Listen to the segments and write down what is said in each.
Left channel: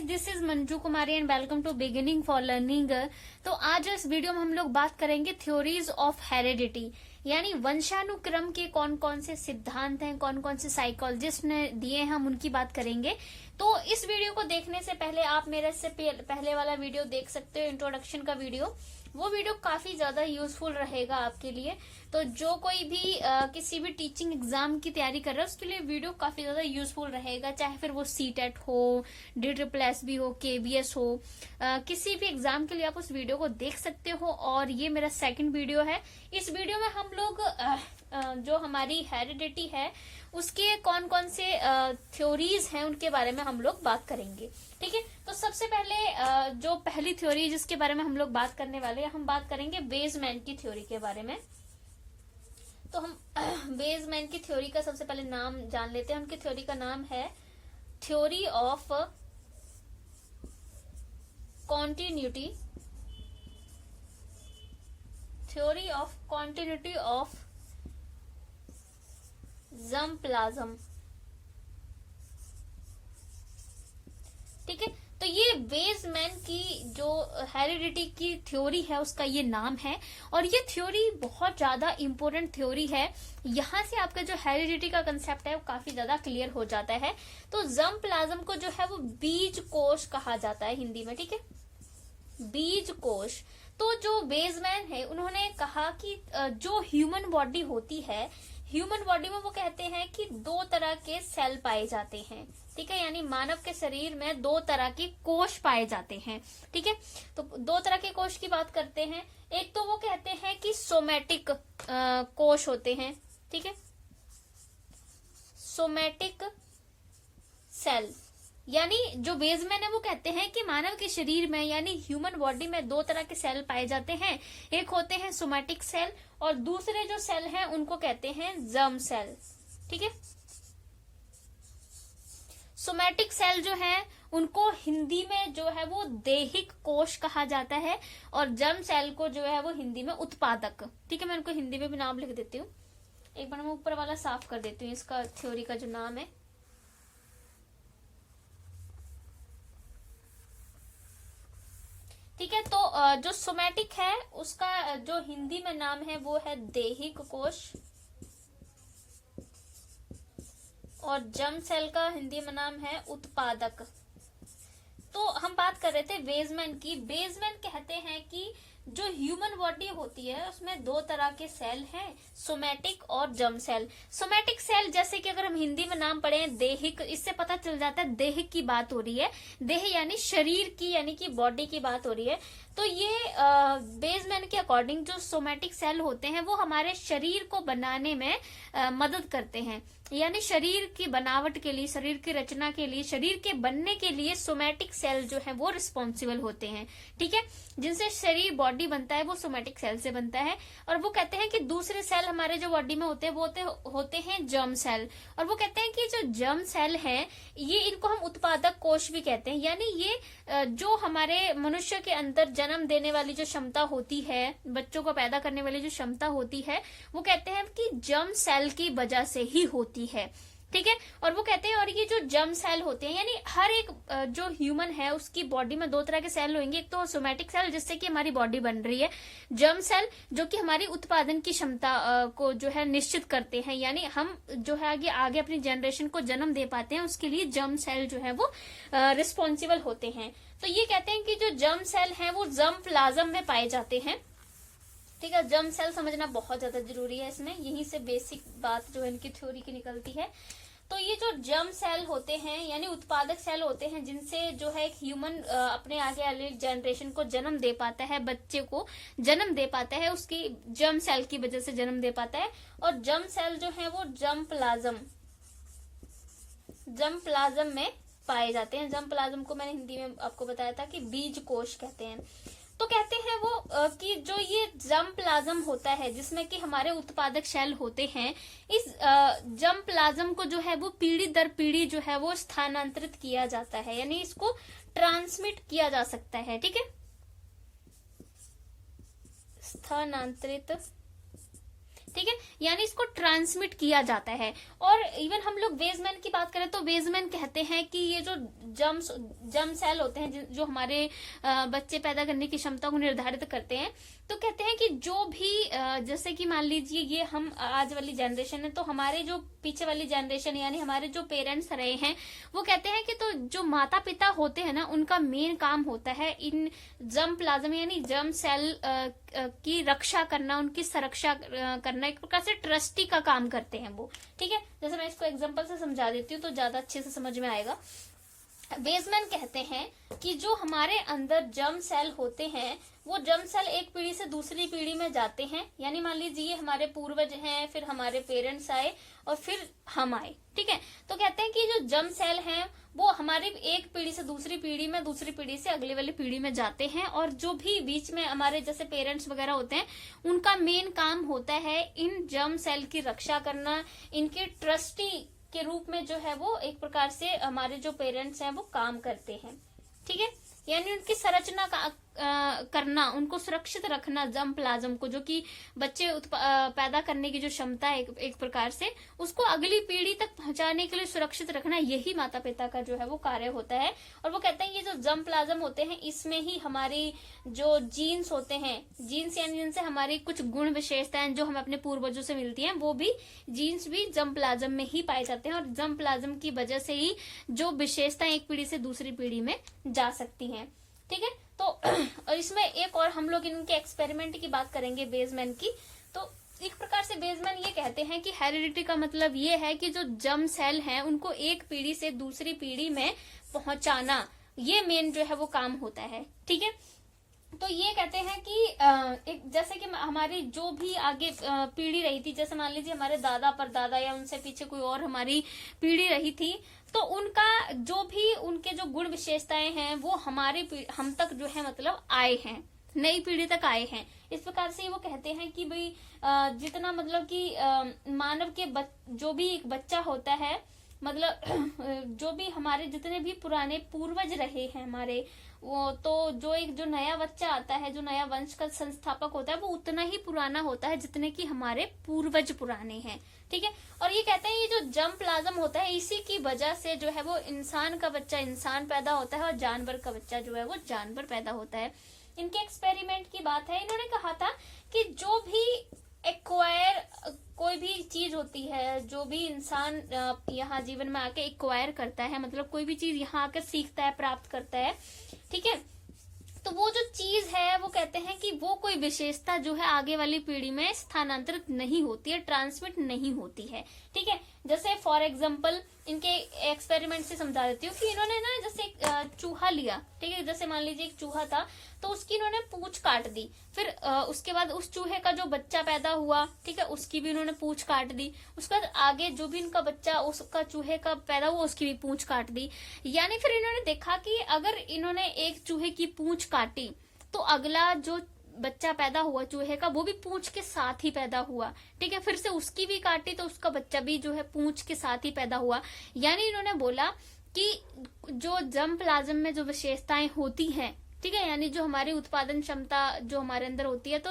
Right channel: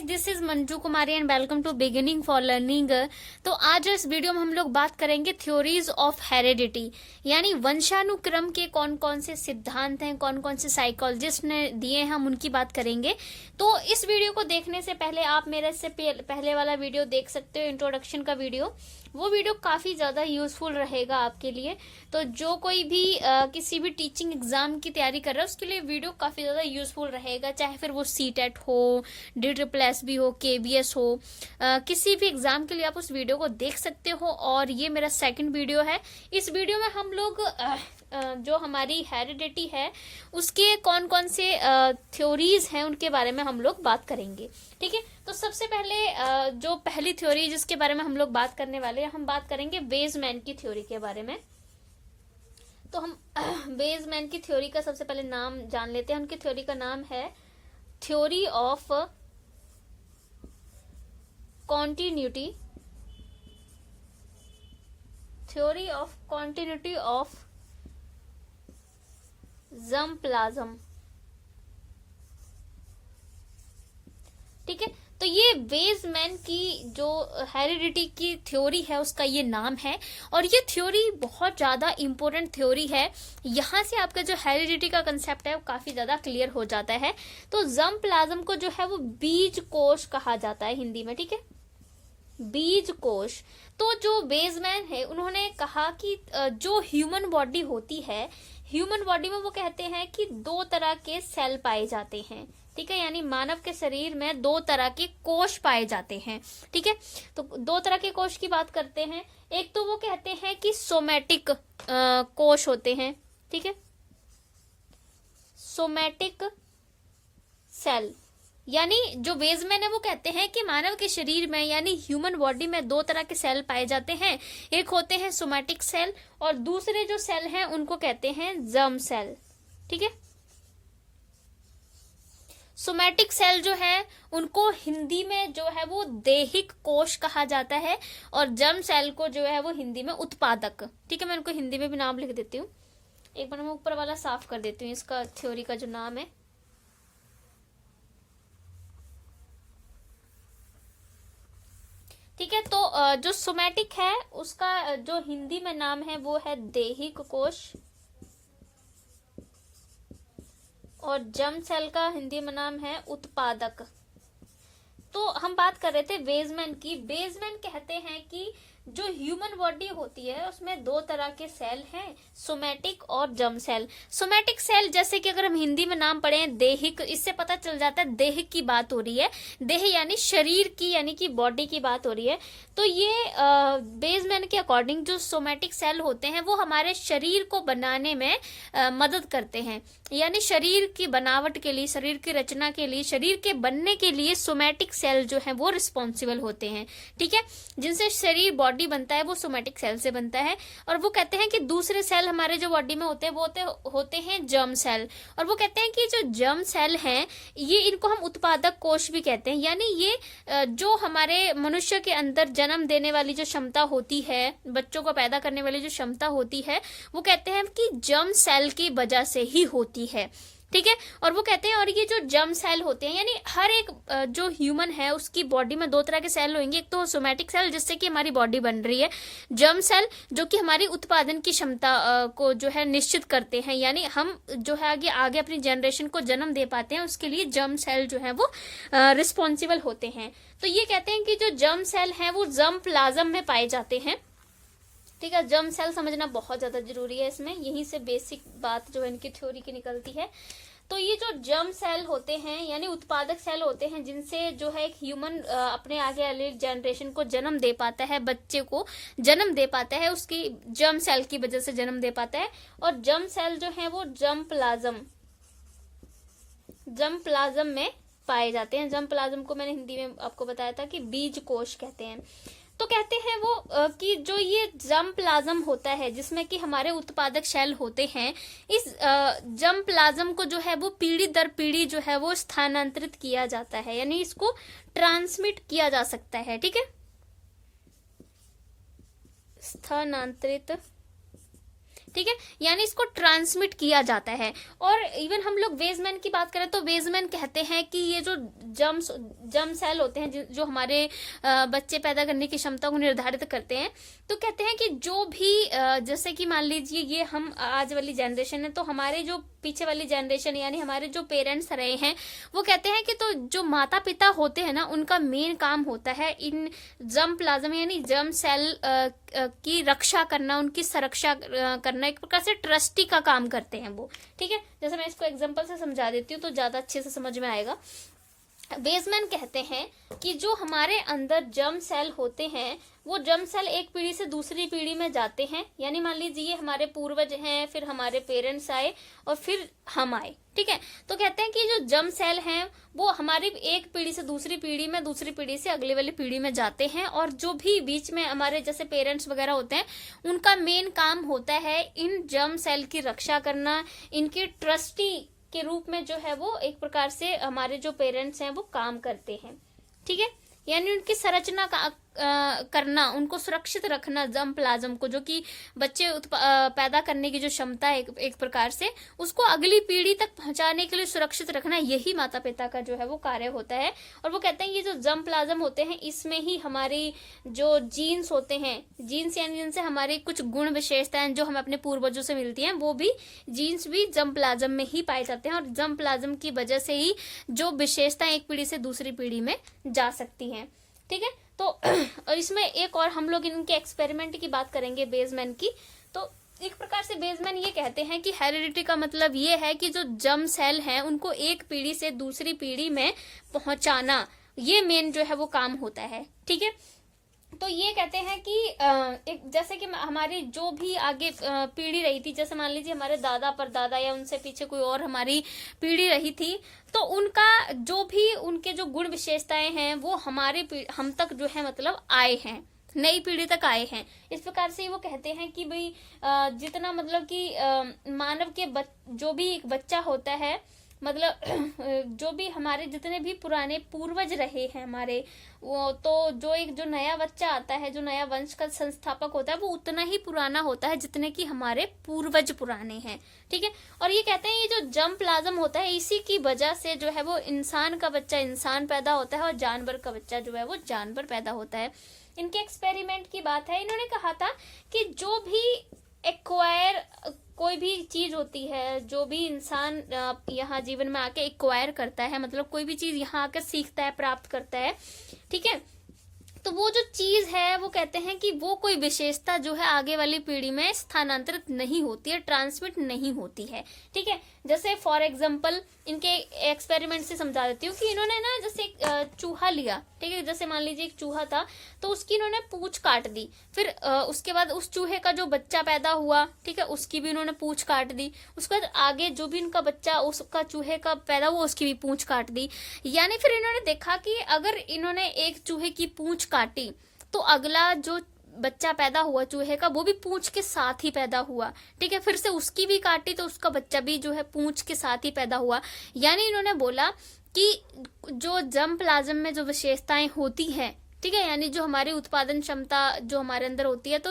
Guys, this is Manju Kumari and welcome to beginning for learning. तो आज इस वीडियो में हम लोग बात करेंगे थ्योरीज ऑफ हेरिडिटी, यानी वंशानुक्रम के कौन कौन से सिद्धांत हैं, कौन कौन से साइकोलॉजिस्ट ने दिए हैं, हम उनकी बात करेंगे। तो इस वीडियो को देखने से पहले आप मेरे से पहले वाला वीडियो देख सकते हो, इंट्रोडक्शन का वीडियो। वो वीडियो काफी ज्यादा यूजफुल रहेगा आपके लिए। तो जो कोई भी किसी भी टीचिंग एग्जाम की तैयारी कर रहा है उसके लिए वीडियो काफी ज्यादा यूजफुल रहेगा, चाहे फिर वो सीटेट हो, DSSS हो, KBS हो, किसी भी एग्जाम के लिए आप उस वीडियो को देख सकते हो। और ये मेरा सेकंड वीडियो है। इस वीडियो में हम लोग जो हमारी हेरिडिटी है उसके कौन कौन से थ्योरीज हैं उनके बारे में हम लोग बात करेंगे। ठीक है, तो सबसे पहले जो पहली थ्योरी जिसके बारे में हम लोग बात करने वाले हैं, हम बात करेंगे वेजमैन की थ्योरी के बारे में। तो हम वेजमैन की थ्योरी का सबसे पहले नाम जान लेते हैं। उनकी थ्योरी का नाम है theory of continuity, theory of continuity of germ plasm. ठीक है, तो ये वेजमैन की जो हेरिडिटी की थ्योरी है उसका ये नाम है। और ये थ्योरी बहुत ज्यादा इंपॉर्टेंट थ्योरी है। यहां से आपका जो हेरिडिटी का कंसेप्ट है वो काफी ज्यादा क्लियर हो जाता है। तो जर्म प्लाज्म को जो है वो बीज कोश कहा जाता है हिंदी में। ठीक है, बीज कोश। तो जो वेजमैन है उन्होंने कहा कि जो ह्यूमन बॉडी होती है, ह्यूमन बॉडी में वो कहते हैं कि दो तरह के सेल पाए जाते हैं। ठीक है, यानी मानव के शरीर में दो तरह के कोश पाए जाते हैं। ठीक है, तो दो तरह के कोश की बात करते हैं। एक तो वो कहते हैं कि सोमैटिक कोश होते हैं। ठीक है, सोमैटिक सेल, यानी जो वेजमैन है वो कहते हैं कि मानव के शरीर में यानी ह्यूमन बॉडी में दो तरह के सेल पाए जाते हैं। एक होते हैं सोमैटिक सेल और दूसरे जो सेल हैं उनको कहते हैं जर्म सेल। ठीक है, सोमैटिक सेल जो है उनको हिंदी में जो है वो देहिक कोश कहा जाता है और जर्म सेल को जो है वो हिंदी में उत्पादक। ठीक है, मैं इनको हिंदी में भी नाम लिख देती हूँ। एक बार मैं ऊपर वाला साफ कर देती हूँ, इसका थ्योरी का जो नाम है। ठीक है, तो जो सोमैटिक है उसका जो हिंदी में नाम है वो है देहिक कोश और जर्म सेल का हिंदी में नाम है उत्पादक। तो हम बात कर रहे थे वेजमैन की। वेजमैन कहते हैं कि जो ह्यूमन बॉडी होती है उसमें दो तरह के सेल हैं, सोमैटिक और जर्म सेल। सोमैटिक सेल जैसे कि अगर हम हिंदी में नाम पढ़े हैं देहिक, इससे पता चल जाता है देहिक की बात हो रही है। देह यानी शरीर की, यानी कि बॉडी की बात हो रही है। तो ये वेजमैन के अकॉर्डिंग जो सोमैटिक सेल होते हैं वो हमारे शरीर को बनाने में मदद करते हैं। यानी शरीर की बनावट के लिए, शरीर की रचना के लिए, शरीर के बनने के लिए सोमैटिक सेल जो है वो रिस्पॉन्सिबल होते हैं। ठीक है, जिनसे शरीर बॉडी बनता है वो सोमैटिक सेल से बनता है। और वो कहते हैं कि दूसरे सेल हमारे जो बॉडी में होते हैं वो होते हैं जर्म सेल। और वो कहते हैं कि जो जर्म सेल हैं ये, इनको हम उत्पादक कोश भी कहते हैं। यानी ये जो हमारे मनुष्य के अंदर जन्म देने वाली जो क्षमता होती है, बच्चों को पैदा करने वाली जो क्षमता होती है, वो कहते हैं कि जर्म सेल की वजह से ही होती है। ठीक है, और वो कहते हैं और ये जो जर्म सेल होते हैं, यानी हर एक जो ह्यूमन है उसकी बॉडी में दो तरह के सेल होंगे। एक तो सोमैटिक सेल जिससे कि हमारी बॉडी बन रही है, जर्म सेल जो कि हमारी उत्पादन की क्षमता को जो है निश्चित करते हैं, यानी हम जो है आगे अपनी जनरेशन को जन्म दे पाते हैं, उसके लिए जर्म सेल जो है वो रिस्पॉन्सिबल होते हैं। तो ये कहते हैं कि जो जर्म सेल है वो जर्म प्लाज्म में पाए जाते हैं। ठीक है, जर्म सेल समझना बहुत ज्यादा जरूरी है इसमें, यहीं से बेसिक बात जो है इनकी थ्योरी की निकलती है। तो ये जो जर्म सेल होते हैं यानी उत्पादक सेल होते हैं, जिनसे जो है एक ह्यूमन अपने आगे वाले जनरेशन को जन्म दे पाता है, बच्चे को जन्म दे पाता है, उसकी जर्म सेल की वजह से जन्म दे पाता है। और जर्म सेल जो है वो जर्म प्लाज्म में पाए जाते हैं। जर्म प्लाज्म को मैंने हिंदी में आपको बताया था कि बीज कोश कहते हैं। तो कहते हैं वो कि जो ये जर्म प्लाज्म होता है जिसमें कि हमारे उत्पादक सेल होते हैं, इस जर्म प्लाज्म को जो है वो पीढ़ी दर पीढ़ी जो है वो स्थानांतरित किया जाता है, यानी इसको ट्रांसमिट किया जा सकता है। ठीक है, स्थानांतरित ठीक है, यानी इसको ट्रांसमिट किया जाता है। और इवन हम लोग वेजमैन की बात करें तो वेजमैन कहते हैं कि ये जो जर्म सेल होते हैं जो हमारे बच्चे पैदा करने की क्षमता को निर्धारित करते हैं, तो कहते हैं कि जो भी जैसे कि मान लीजिए ये हम आज वाली जनरेशन है, तो हमारे जो पीछे वाली जनरेशन यानी हमारे जो पेरेंट्स रहे हैं, वो कहते हैं कि तो जो माता पिता होते हैं ना, उनका मेन काम होता है इन जर्म प्लाज्म यानी जर्म सेल की रक्षा करना, उनकी सुरक्षा करना, एक प्रकार से ट्रस्टी का काम करते हैं वो। ठीक है, जैसे मैं इसको एग्जांपल से समझा देती हूँ तो ज्यादा अच्छे से समझ में आएगा। वेजमैन कहते हैं कि जो हमारे अंदर जर्म सेल होते हैं, वो जर्म सेल एक पीढ़ी से दूसरी पीढ़ी में जाते हैं, यानी मान लीजिए हमारे पूर्वज हैं, फिर हमारे पेरेंट्स आए और फिर हम आए। ठीक है, तो कहते हैं कि जो जर्म सेल हैं वो हमारी एक पीढ़ी से दूसरी पीढ़ी में, दूसरी पीढ़ी से अगली वाली पीढ़ी में जाते हैं, और जो भी बीच में हमारे जैसे पेरेंट्स वगैरह होते हैं, उनका मेन काम होता है इन जर्म सेल की रक्षा करना, इनकी ट्रस्टी के रूप में जो है वो एक प्रकार से हमारे जो पेरेंट्स हैं वो काम करते हैं। ठीक है, यानी उनकी संरचना करना, उनको सुरक्षित रखना जर्म प्लाज्म को, जो कि बच्चे पैदा करने की जो क्षमता है एक प्रकार से, उसको अगली पीढ़ी तक पहुंचाने के लिए सुरक्षित रखना, यही माता पिता का जो है वो कार्य होता है। और वो कहते हैं ये जो जर्म प्लाज्म होते हैं, इसमें ही हमारी जो जीन्स होते हैं, जीन्स यानी जिनसे हमारी कुछ गुण विशेषताएं जो हमें अपने पूर्वजों से मिलती हैं, वो भी जीन्स भी जर्म प्लाज्म में ही पाए जाते हैं, और जर्म प्लाज्म की वजह से ही जो विशेषताएं एक पीढ़ी से दूसरी पीढ़ी में जा सकती हैं। ठीक है, तो इसमें एक और हम लोग इनके एक्सपेरिमेंट की बात करेंगे वेजमैन की। तो एक प्रकार से वेजमैन ये कहते हैं कि हेरिडिटी का मतलब ये है कि जो जर्म सेल हैं उनको एक पीढ़ी से दूसरी पीढ़ी में पहुंचाना, ये मेन जो है वो काम होता है। ठीक है, तो ये कहते हैं कि एक जैसे कि हमारी जो भी आगे पीढ़ी रही थी, जैसे मान लीजिए हमारे दादा परदादा या उनसे पीछे कोई और हमारी पीढ़ी रही थी, तो उनका जो भी उनके जो गुण विशेषताएं हैं वो हम तक जो है मतलब आए हैं, नई पीढ़ी तक आए हैं। इस प्रकार से वो कहते हैं कि भाई जितना मतलब कि मानव के जो भी एक बच्चा होता है, मतलब जो भी हमारे जितने भी पुराने पूर्वज रहे हैं हमारे, वो तो जो नया बच्चा आता है, जो नया वंश का संस्थापक होता है, वो उतना ही पुराना होता है जितने कि हमारे पूर्वज पुराने हैं। ठीक है, और ये कहते हैं ये जो जर्म प्लाज्म होता है, इसी की वजह से जो है वो इंसान का बच्चा इंसान पैदा होता है और जानवर का बच्चा जो है वो जानवर पैदा होता है। इनके एक्सपेरिमेंट की बात है, इन्होंने कहा था कि जो भी एक्वायर कोई भी चीज होती है, जो भी इंसान यहाँ जीवन में आके एक्वायर करता है, मतलब कोई भी चीज यहाँ आकर सीखता है, प्राप्त करता है, ठीक है, तो वो जो चीज है वो कहते हैं कि वो कोई विशेषता जो है आगे वाली पीढ़ी में स्थानांतरित नहीं होती है, ट्रांसमिट नहीं होती है। ठीक है, जैसे फॉर एग्जांपल इनके एक्सपेरिमेंट से समझा देती हूँ कि इन्होंने ना जैसे एक चूहा लिया। ठीक है, जैसे मान लीजिए एक चूहा था, तो उसकी इन्होंने पूंछ काट दी, फिर उसके बाद उस चूहे का जो बच्चा पैदा हुआ, ठीक है, उसकी भी इन्होंने पूंछ काट दी। उसके बाद आगे जो भी इनका बच्चा उसका चूहे का पैदा हुआ, उसकी भी पूंछ काट दी। यानी फिर इन्होंने देखा कि अगर इन्होंने एक चूहे की पूंछ काटी तो अगला जो बच्चा पैदा हुआ चूहे का, वो भी पूंछ के साथ ही पैदा हुआ। ठीक है, फिर से उसकी भी काटी तो उसका बच्चा भी जो है पूंछ के साथ ही पैदा हुआ। यानी इन्होंने बोला कि जो जर्म प्लाज्म में जो विशेषताएं होती हैं, ठीक है, यानी जो हमारी उत्पादन क्षमता जो हमारे अंदर होती है, तो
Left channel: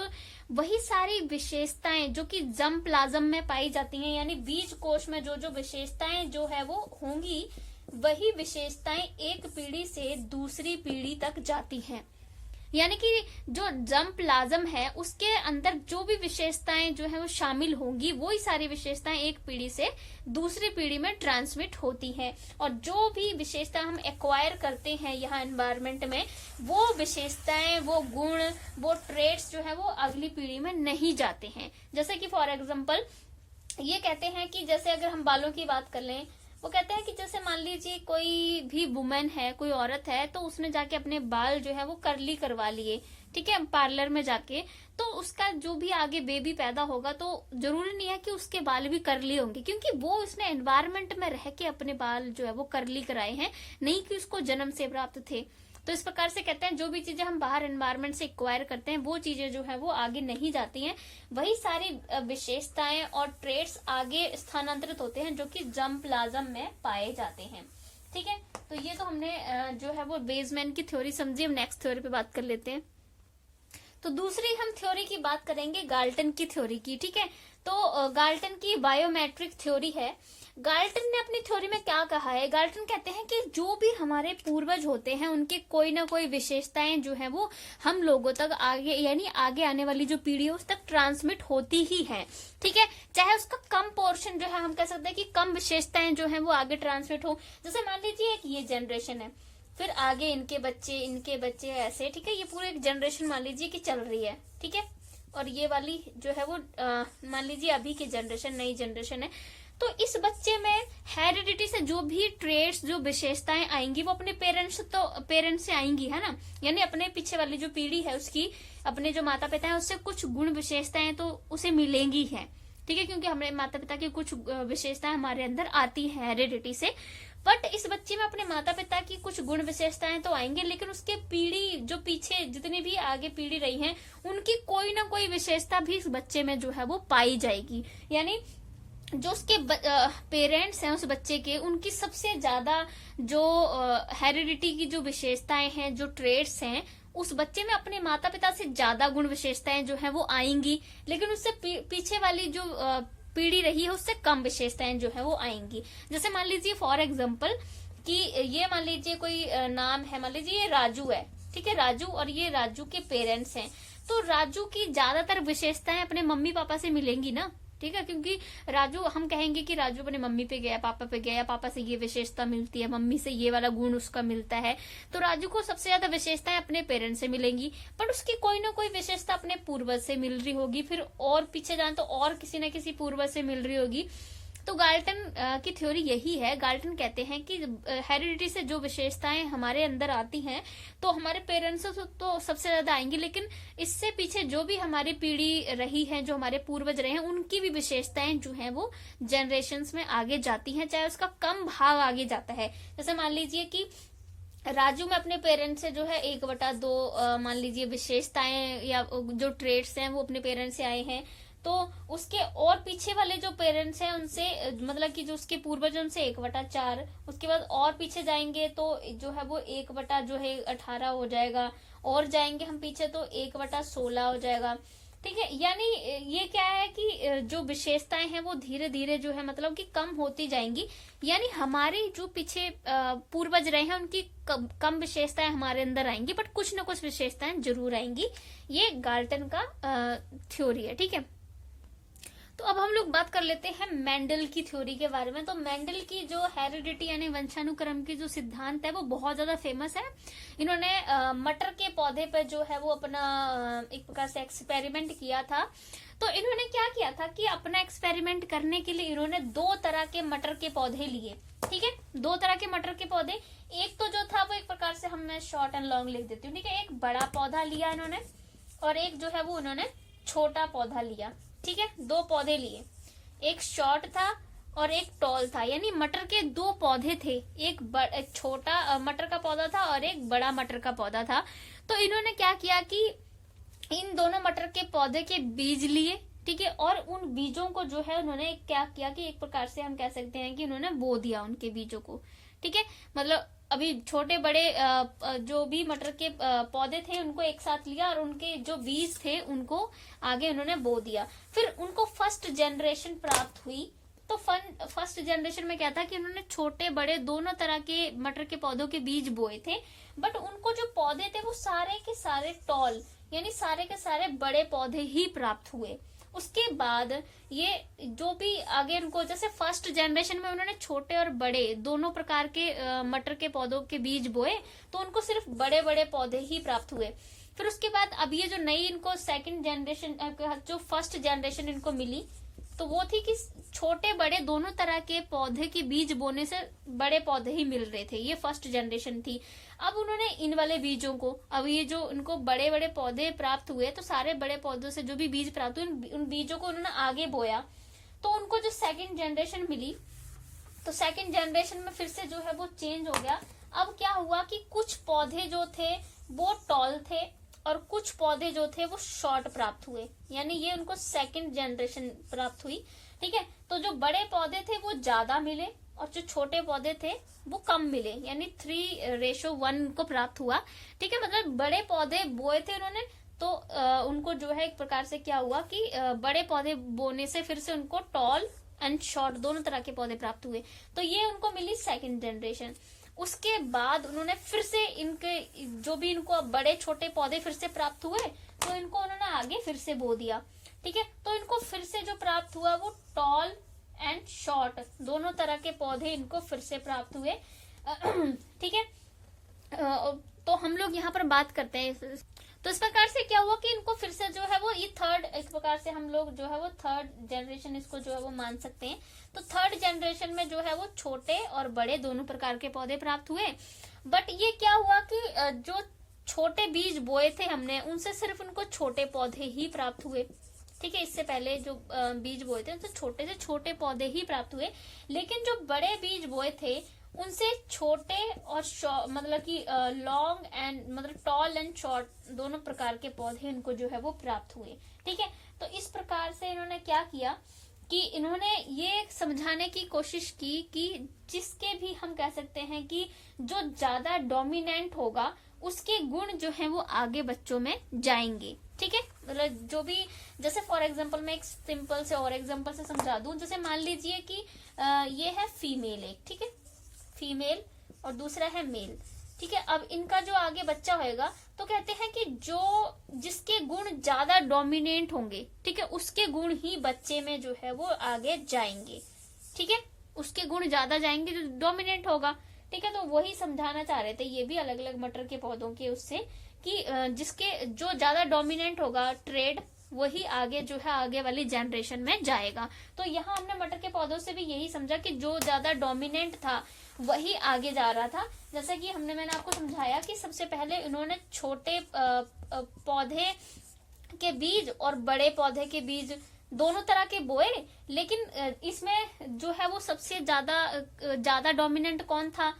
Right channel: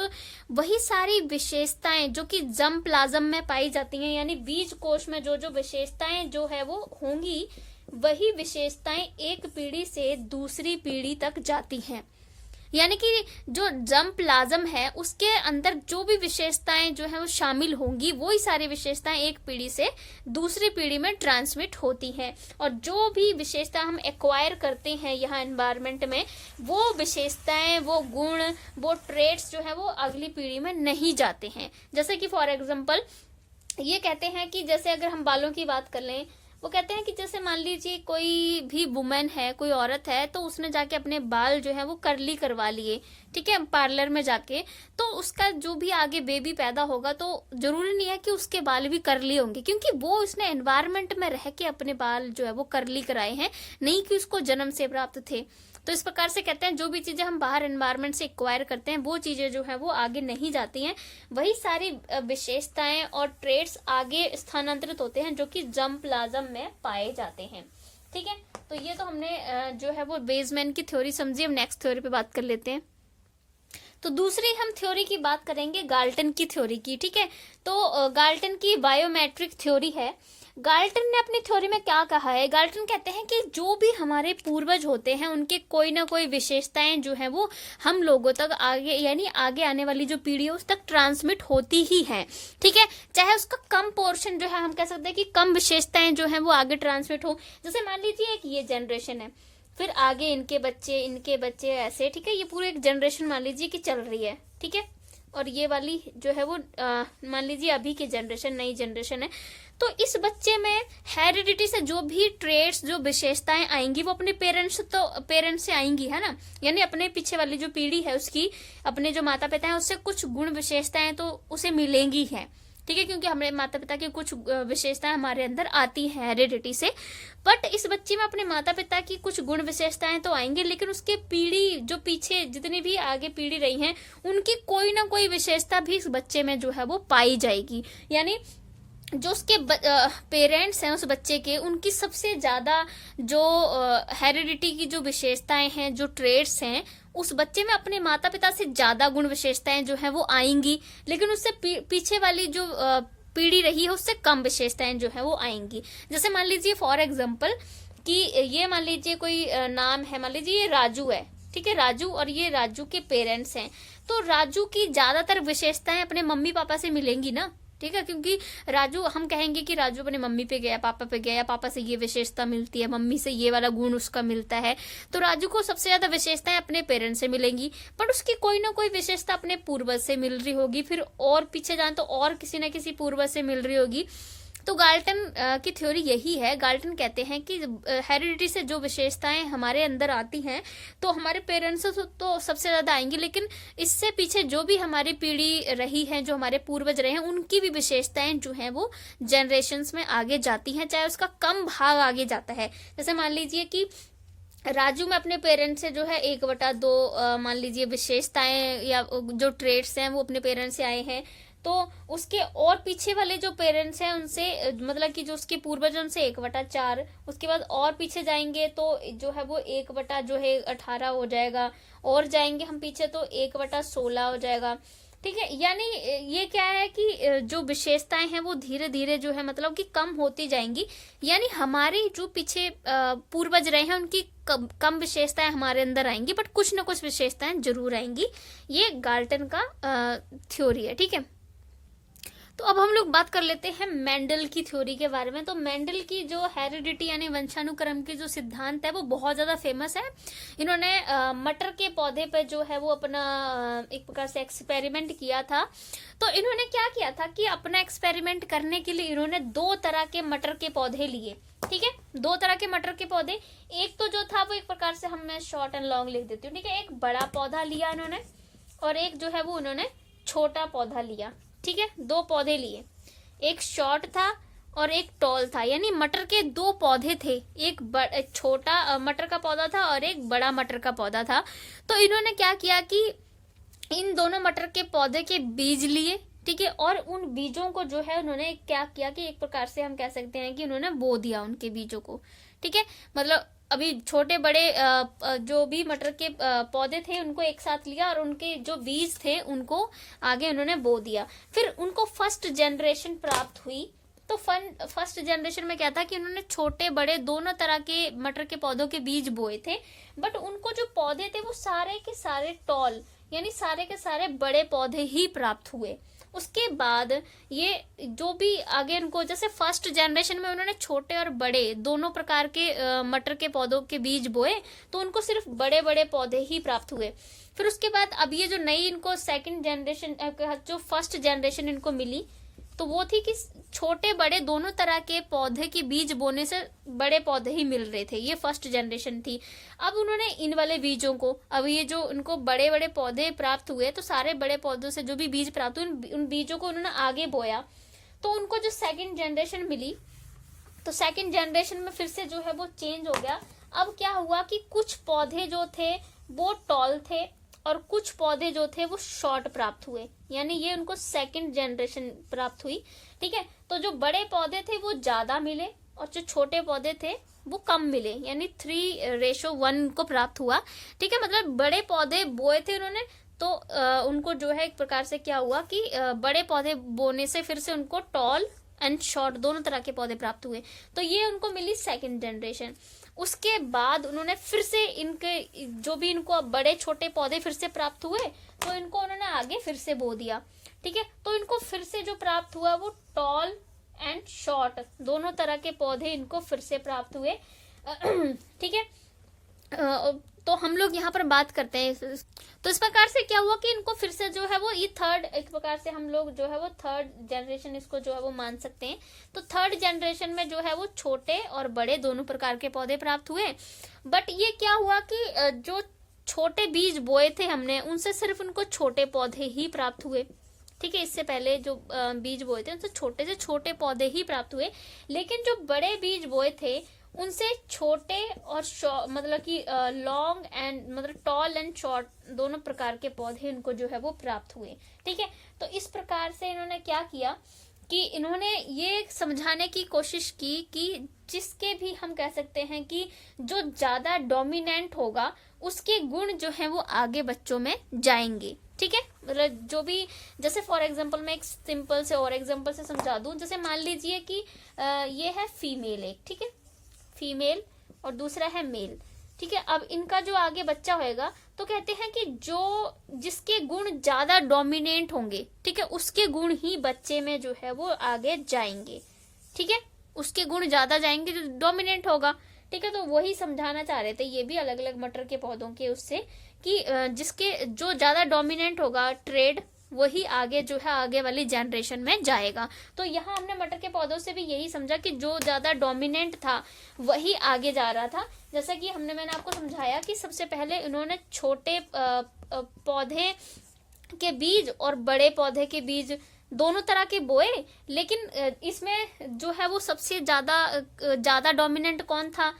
वही सारी विशेषताएं जो कि जर्म प्लाज्म में पाई जाती हैं, यानी बीज कोश में जो जो विशेषताएं जो है वो होंगी, वही विशेषताएं एक पीढ़ी से दूसरी पीढ़ी तक जाती हैं। यानी कि जो जर्म प्लाज्म है उसके अंदर जो भी विशेषताएं जो है वो शामिल होंगी, वो ही सारी विशेषताएं एक पीढ़ी से दूसरी पीढ़ी में ट्रांसमिट होती हैं। और जो भी विशेषता हम एक्वायर करते हैं यहाँ एनवायरनमेंट में, वो विशेषताएं, वो गुण, वो ट्रेट्स जो है वो अगली पीढ़ी में नहीं जाते हैं। जैसे कि फॉर एग्जाम्पल ये कहते हैं कि जैसे अगर हम बालों की बात कर लें, वो कहते हैं कि जैसे मान लीजिए कोई भी वुमेन है, कोई औरत है, तो उसने जाके अपने बाल जो है वो कर्ली करवा लिए, ठीक है, पार्लर में जाके, तो उसका जो भी आगे बेबी पैदा होगा तो जरूरी नहीं है कि उसके बाल भी कर्ली होंगे, क्योंकि वो उसने एनवायरनमेंट में रह के अपने बाल जो है वो कर्ली कराए हैं, नहीं कि उसको जन्म से प्राप्त थे। तो इस प्रकार से कहते हैं जो भी चीजें हम बाहर एनवायरनमेंट से एक्वायर करते हैं, वो चीजें जो है वो आगे नहीं जाती हैं, वही सारी विशेषताएं और ट्रेट्स आगे स्थानांतरित होते हैं जो कि जर्म प्लाज्म में पाए जाते हैं। ठीक है, तो ये तो हमने जो है वो वेजमैन की थ्योरी समझी। हम नेक्स्ट थ्योरी पे बात कर लेते हैं। तो दूसरी हम थ्योरी की बात करेंगे गाल्टन की थ्योरी की, ठीक है। तो गाल्टन की बायोमेट्रिक थ्योरी है। गाल्टन ने अपनी थ्योरी में क्या कहा है, गाल्टन कहते हैं कि जो भी हमारे पूर्वज होते हैं उनके कोई ना कोई विशेषताएं जो है वो हम लोगों तक आगे, यानी आगे आने वाली जो पीढ़ी है उस तक ट्रांसमिट होती ही है, ठीक है। चाहे उसका कम पोर्शन जो है, हम कह सकते हैं कि कम विशेषताएं जो है वो आगे ट्रांसमिट हो। जैसे मान लीजिए एक ये जनरेशन है, फिर आगे इनके बच्चे ऐसे, ठीक है। ये पूरी एक जनरेशन मान लीजिए कि चल रही है, ठीक है। और ये वाली जो है वो मान लीजिए अभी की जनरेशन, नई जनरेशन है। तो इस बच्चे में हेरिडिटी से जो भी ट्रेड्स, जो विशेषताएं आएंगी वो अपने पेरेंट्स से आएंगी, है ना। यानी अपने पीछे वाली जो पीढ़ी है उसकी, अपने जो माता पिता है उससे कुछ गुण विशेषताएं तो उसे मिलेंगी है, ठीक है। क्योंकि हमारे माता पिता की कुछ विशेषताएं हमारे अंदर आती है हेरिडिटी से। बट इस बच्चे में अपने माता पिता की कुछ गुण विशेषताएं तो आएंगी, लेकिन उसके पीढ़ी जो पीछे जितनी भी आगे पीढ़ी रही है उनकी कोई ना कोई विशेषता भी इस बच्चे में जो है वो पाई जाएगी। यानी जो उसके पेरेंट्स हैं उस बच्चे के, उनकी सबसे ज्यादा जो हेरिडिटी की जो विशेषताएं हैं, जो ट्रेड्स हैं, उस बच्चे में अपने माता पिता से ज्यादा गुण विशेषताएं जो है वो आएंगी, लेकिन उससे पीछे वाली जो पीढ़ी रही है उससे कम विशेषताएं जो है वो आएंगी। जैसे मान लीजिए फॉर एग्जाम्पल कि ये मान लीजिए कोई नाम है, मान लीजिए ये राजू है, ठीक है। राजू, और ये राजू के पेरेंट्स हैं, तो राजू की ज्यादातर विशेषताएं अपने मम्मी पापा से मिलेंगी ना, ठीक है। क्योंकि राजू, हम कहेंगे कि राजू अपने मम्मी पे गया, पापा पे गया, पापा से ये विशेषता मिलती है, मम्मी से ये वाला गुण उसका मिलता है, तो राजू को सबसे ज्यादा विशेषताएं अपने पेरेंट्स से मिलेंगी। पर उसकी कोई ना कोई विशेषता अपने पूर्वज से मिल रही होगी, फिर और पीछे जाए तो और किसी न किसी पूर्वज से मिल रही होगी। तो गाल्टन की थ्योरी यही है। गाल्टन कहते हैं कि हेरिडिटी से जो विशेषताएं हमारे अंदर आती हैं तो हमारे पेरेंट्स से तो सबसे ज्यादा आएंगी, लेकिन इससे पीछे जो भी हमारी पीढ़ी रही है, जो हमारे पूर्वज रहे हैं, उनकी भी विशेषताएं जो हैं वो जनरेशन्स में आगे जाती हैं, चाहे उसका कम भाग आगे जाता है। जैसे मान लीजिए कि राजू में अपने पेरेंट्स से जो है 1/2 मान लीजिए विशेषताएं या जो ट्रेड्स हैं वो अपने पेरेंट्स से आए हैं, तो उसके और पीछे वाले जो पेरेंट्स हैं उनसे, मतलब कि जो उसके पूर्वज उनसे 1/4, उसके बाद और पीछे जाएंगे तो जो है वो 1/18 हो जाएगा, और जाएंगे हम पीछे तो 1/16 हो जाएगा, ठीक है। यानी ये क्या है कि जो विशेषताएं हैं वो धीरे धीरे जो है मतलब कि कम होती जाएंगी। यानी हमारे जो पीछे पूर्वज रहे हैं उनकी कम विशेषताएं हमारे अंदर आएंगी, बट कुछ न कुछ विशेषताएं जरूर आएंगी। ये गाल्टन का थ्योरी है, ठीक है। तो अब हम लोग बात कर लेते हैं मेंडल की थ्योरी के बारे में। तो मेंडल की जो हेरिडिटी यानी वंशानुक्रम की जो सिद्धांत है वो बहुत ज्यादा फेमस है। इन्होंने मटर के पौधे पर जो है वो अपना एक प्रकार से एक्सपेरिमेंट किया था। तो इन्होंने क्या किया था कि अपना एक्सपेरिमेंट करने के लिए इन्होंने 2 तरह के मटर के पौधे लिए, ठीक है। 2 तरह के मटर के पौधे, एक तो जो था वो एक प्रकार से हम मैं शॉर्ट एंड लॉन्ग लिख देती हूँ, ठीक है। एक बड़ा पौधा लिया इन्होंने, और एक जो है वो उन्होंने छोटा पौधा लिया, ठीक है। 2 पौधे लिए, एक शॉर्ट था और एक टॉल था। यानी मटर के 2 पौधे थे, एक छोटा मटर का पौधा था और एक बड़ा मटर का पौधा था। तो इन्होंने क्या किया कि इन दोनों मटर के पौधे के बीज लिए, ठीक है, और उन बीजों को जो है उन्होंने क्या किया कि एक प्रकार से हम कह सकते हैं कि उन्होंने बो दिया उनके बीजों को, ठीक है। मतलब अभी छोटे बड़े जो भी मटर के पौधे थे उनको एक साथ लिया और उनके जो बीज थे उनको आगे उन्होंने बो दिया। फिर उनको फर्स्ट जनरेशन प्राप्त हुई। तो फर्स्ट जनरेशन में क्या था कि उन्होंने छोटे बड़े दोनों तरह के मटर के पौधों के बीज बोए थे, बट उनको जो पौधे थे वो सारे के सारे टॉल यानी सारे के सारे बड़े पौधे ही प्राप्त हुए। उसके बाद ये जो भी आगे उनको, जैसे फर्स्ट जनरेशन में उन्होंने छोटे और बड़े दोनों प्रकार के मटर के पौधों के बीज बोए, तो उनको सिर्फ बड़े बड़े पौधे ही प्राप्त हुए। फिर उसके बाद अब ये जो नई इनको सेकंड जनरेशन, जो फर्स्ट जनरेशन इनको मिली, तो वो थी कि छोटे बड़े दोनों तरह के पौधे के बीज बोने से बड़े पौधे ही मिल रहे थे। ये फर्स्ट जनरेशन थी। अब उन्होंने इन वाले बीजों को, अब ये जो उनको बड़े बड़े पौधे प्राप्त हुए, तो सारे बड़े पौधों से जो भी बीज प्राप्त हुए उन बीजों को उन्होंने आगे बोया। तो उनको जो सेकंड जनरेशन मिली, तो सेकंड जनरेशन में फिर से जो है वो चेंज हो गया। अब क्या हुआ कि कुछ पौधे जो थे वो टॉल थे और कुछ पौधे जो थे वो शॉर्ट प्राप्त हुए, यानी ये उनको सेकंड जनरेशन प्राप्त हुई, ठीक है। तो जो बड़े पौधे थे वो ज्यादा मिले और जो छोटे पौधे थे वो कम मिले, यानी 3:1 को प्राप्त हुआ, ठीक है। मतलब बड़े पौधे बोए थे उन्होंने तो उनको जो है एक प्रकार से क्या हुआ कि बड़े पौधे बोने से फिर से उनको टॉल एंड शॉर्ट दोनों तरह के पौधे प्राप्त हुए। तो ये उनको मिली सेकंड जनरेशन। उसके बाद उन्होंने फिर से इनके जो भी इनको अब बड़े छोटे पौधे फिर से प्राप्त हुए, तो इनको उन्होंने आगे फिर से बो दिया। ठीक है, तो इनको फिर से जो प्राप्त हुआ वो टॉल एंड शॉर्ट दोनों तरह के पौधे इनको फिर से प्राप्त हुए। ठीक है, तो हम लोग यहाँ पर बात करते हैं। तो इस प्रकार से क्या हुआ कि इनको फिर से जो है वो ये थर्ड, एक प्रकार से हम लोग जो है वो थर्ड जनरेशन इसको जो है वो मान सकते हैं। तो थर्ड जनरेशन में जो है वो छोटे और बड़े दोनों प्रकार के पौधे प्राप्त हुए। बट ये क्या हुआ कि जो छोटे बीज बोए थे हमने, उनसे सिर्फ उनको छोटे पौधे ही प्राप्त हुए। ठीक है, इससे पहले जो बीज बोए थे उनसे छोटे से छोटे पौधे ही प्राप्त हुए। लेकिन जो बड़े बीज बोए थे उनसे छोटे और मतलब कि लॉन्ग एंड मतलब टॉल एंड शॉर्ट दोनों प्रकार के पौधे इनको जो है वो प्राप्त हुए। ठीक है, तो इस प्रकार से इन्होंने क्या किया कि इन्होंने ये समझाने की कोशिश की कि जिसके भी हम कह सकते हैं कि जो ज्यादा डोमिनेंट होगा उसके गुण जो है वो आगे बच्चों में जाएंगे। ठीक है, मतलब जो भी, जैसे फॉर एग्जांपल मैं एक सिंपल से और एग्जांपल से समझा दूं। जैसे मान लीजिए कि ये है फीमेल एक, ठीक है, फीमेल और दूसरा है मेल। ठीक है, अब इनका जो आगे बच्चा होएगा तो कहते हैं कि जो जिसके गुण ज्यादा डोमिनेंट होंगे, ठीक है, उसके गुण ही बच्चे में जो है वो आगे जाएंगे। ठीक है, उसके गुण ज्यादा जाएंगे जो डोमिनेंट होगा। ठीक है, तो वही समझाना चाह रहे थे ये भी अलग अलग मटर के पौधों के उससे कि जिसके जो ज्यादा डोमिनेंट होगा ट्रेड, वही आगे जो है आगे वाली जनरेशन में जाएगा। तो यहाँ हमने मटर के पौधों से भी यही समझा कि जो ज्यादा डोमिनेंट था वही आगे जा रहा था। जैसा कि मैंने आपको समझाया कि सबसे पहले इन्होंने छोटे पौधे के बीज और बड़े पौधे के बीज दोनों तरह के बोए, लेकिन इसमें जो है वो सबसे ज्यादा डोमिनेंट कौन था?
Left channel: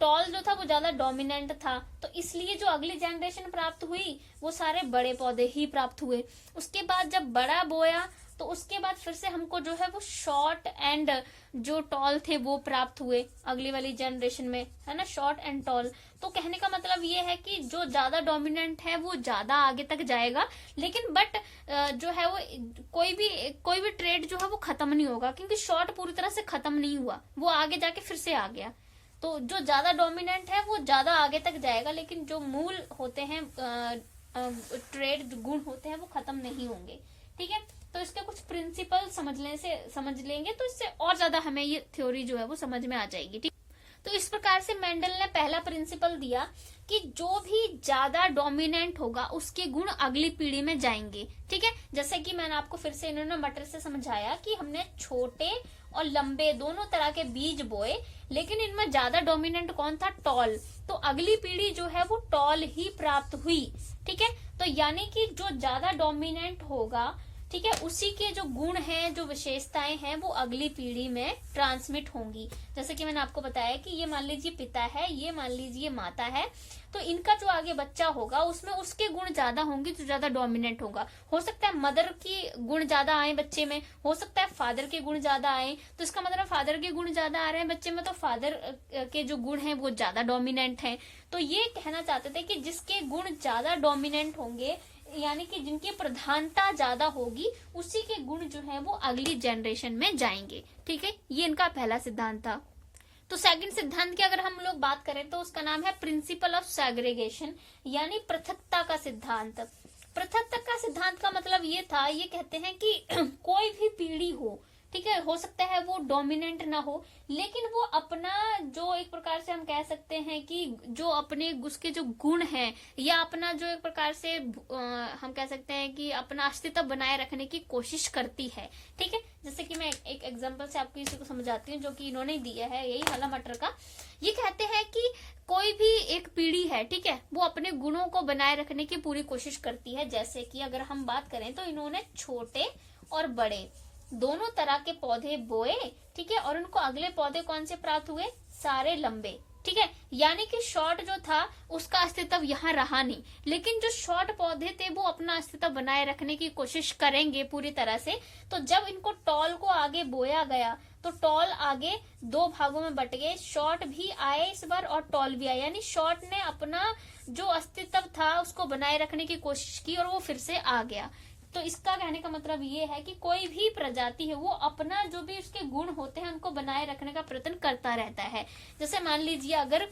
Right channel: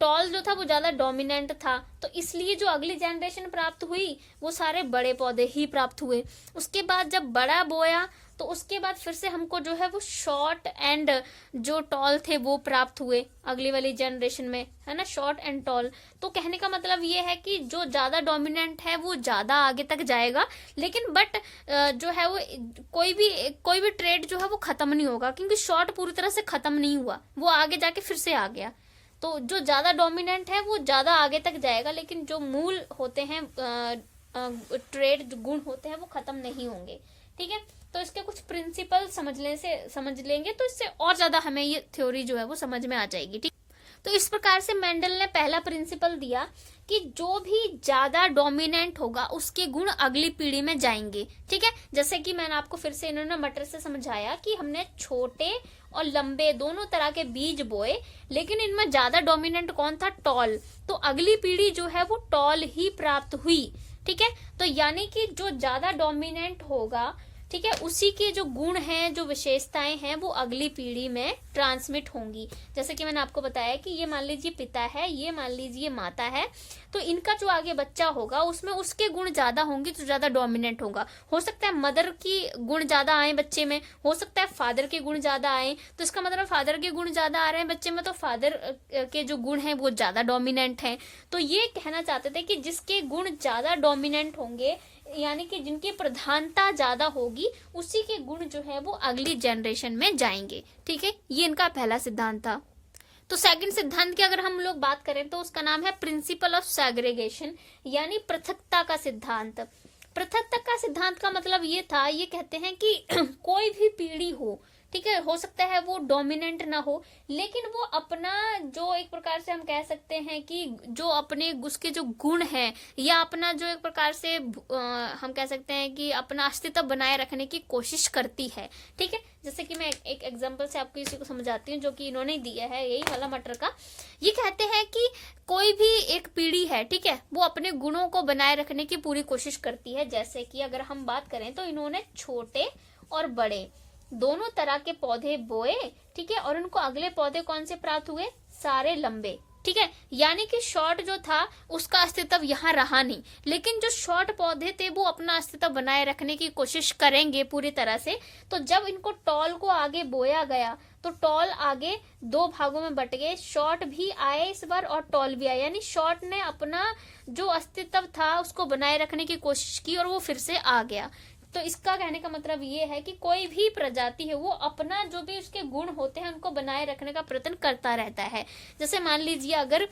टॉल जो था वो ज्यादा डोमिनेंट था। तो इसलिए जो अगली जनरेशन प्राप्त हुई वो सारे बड़े पौधे ही प्राप्त हुए। उसके बाद जब बड़ा बोया तो उसके बाद फिर से हमको जो है वो शॉर्ट एंड जो टॉल थे वो प्राप्त हुए अगली वाली जनरेशन में, है ना, शॉर्ट एंड टॉल। तो कहने का मतलब ये है कि जो ज्यादा डोमिनेंट है वो ज्यादा आगे तक जाएगा, लेकिन बट जो है वो कोई भी ट्रेड जो है वो खत्म नहीं होगा, क्योंकि शॉर्ट पूरी तरह से खत्म नहीं हुआ, वो आगे जाके फिर से आ गया। तो जो ज्यादा डोमिनेंट है वो ज्यादा आगे तक जाएगा, लेकिन जो मूल होते हैं ट्रेड गुण होते हैं वो खत्म नहीं होंगे। ठीक है, तो इसके कुछ प्रिंसिपल समझ लेंगे तो इससे और ज्यादा हमें ये थ्योरी जो है वो समझ में आ जाएगी। ठीक, तो इस प्रकार से मेंडल ने पहला प्रिंसिपल दिया कि जो भी ज्यादा डोमिनेंट होगा उसके गुण अगली पीढ़ी में जाएंगे। ठीक है, जैसे कि मैंने आपको फिर से इन्होंने मटर से समझाया कि हमने छोटे और लंबे दोनों तरह के बीज बोए, लेकिन इनमें ज्यादा डोमिनेंट कौन था? टॉल। तो अगली पीढ़ी जो है वो टॉल ही प्राप्त हुई। ठीक है, तो यानी कि जो ज्यादा डोमिनेंट होगा, ठीक है, उसी के जो गुण हैं, जो विशेषताएं हैं वो अगली पीढ़ी में ट्रांसमिट होंगी। जैसे कि मैंने आपको बताया कि ये मान लीजिए पिता है, ये मान लीजिए माता है, तो इनका जो आगे बच्चा होगा उसमें उसके गुण ज्यादा होंगे जो ज्यादा डोमिनेंट होगा। हो सकता है मदर की गुण ज्यादा आए बच्चे में, हो सकता है फादर के गुण ज्यादा आए। तो इसका मतलब फादर के गुण ज्यादा आ रहे हैं बच्चे में, तो फादर के जो गुण हैं वो ज्यादा डोमिनेंट हैं। तो ये कहना चाहते थे कि जिसके गुण ज्यादा डोमिनेंट होंगे, यानी कि जिनकी प्रधानता ज्यादा होगी, उसी के गुण जो है वो अगली जनरेशन में जाएंगे। ठीक है, ये इनका पहला सिद्धांत था। तो सेकंड सिद्धांत की अगर हम लोग बात करें तो उसका नाम है प्रिंसिपल ऑफ सेग्रीगेशन, यानी पृथकता का सिद्धांत। पृथकता का सिद्धांत का मतलब ये था, ये कहते हैं कि कोई भी पीढ़ी हो, ठीक है, हो सकता है वो डोमिनेंट ना हो, लेकिन वो अपना जो एक प्रकार से हम कह सकते हैं कि जो अपने उसके जो गुण हैं, या अपना जो एक प्रकार से हम कह सकते हैं कि अपना अस्तित्व बनाए रखने की कोशिश करती है। ठीक है, जैसे कि मैं एक एग्जांपल से आपको इसी को समझाती हूँ जो कि इन्होंने दिया है, यही वाला मटर का। ये कहते हैं कि कोई भी एक पीढ़ी है, ठीक है, वो अपने गुणों को बनाए रखने की पूरी कोशिश करती है। जैसे कि अगर हम बात करें तो इन्होंने छोटे और बड़े दोनों तरह के पौधे बोए, ठीक है, और उनको अगले पौधे कौन से प्राप्त हुए? सारे लंबे। ठीक है, यानी कि शॉर्ट जो था उसका अस्तित्व यहाँ रहा नहीं, लेकिन जो शॉर्ट पौधे थे वो अपना अस्तित्व बनाए रखने की कोशिश करेंगे पूरी तरह से। तो जब इनको टॉल को आगे बोया गया तो टॉल आगे दो भागों में बट गए, शॉर्ट भी आए इस बार और टॉल भी आए, यानी शॉर्ट ने अपना जो अस्तित्व था उसको बनाए रखने की कोशिश की और वो फिर से आ गया। तो इसका कहने का मतलब ये है कि कोई भी प्रजाति है वो अपना जो भी उसके गुण होते हैं उनको बनाए रखने का प्रयत्न करता रहता है। जैसे मान लीजिए अगर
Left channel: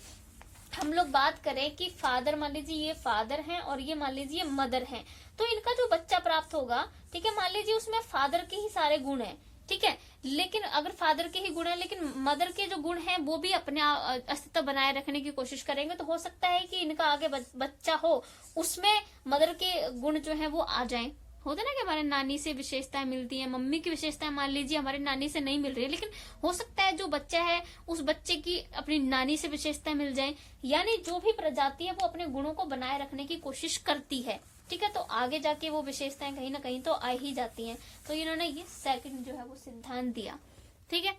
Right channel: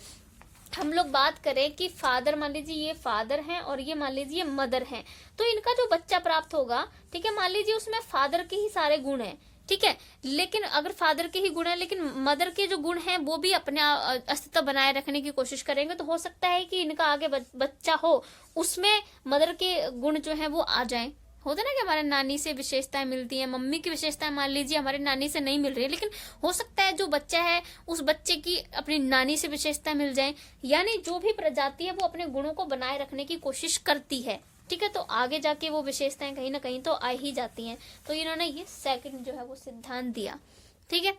हम लोग बात करें कि फादर, मान लीजिए ये फादर हैं और ये मान लीजिए मदर हैं, तो इनका जो बच्चा प्राप्त होगा, ठीक है, मान लीजिए उसमें फादर के ही सारे गुण हैं, ठीक है, लेकिन अगर फादर के ही गुण है लेकिन मदर के जो गुण हैं वो भी अपने अस्तित्व बनाए रखने की कोशिश करेंगे, तो हो सकता है कि इनका आगे बच्चा हो उसमें मदर के गुण जो है वो आ जाएं। होता ना कि हमारे नानी से विशेषताएं मिलती हैं, मम्मी की विशेषताएं मान लीजिए हमारी नानी से नहीं मिल रही है, लेकिन हो सकता है जो बच्चा है उस बच्चे की अपनी नानी से विशेषताएं मिल जाएं। यानी जो भी प्रजाति है वो अपने गुणों को बनाए रखने की कोशिश करती है, ठीक है, तो आगे जाके वो विशेषताएं कहीं ना कहीं तो आ ही जाती हैं। तो इन्होंने ये सेकंड जो है वो सिद्धांत दिया, ठीक है।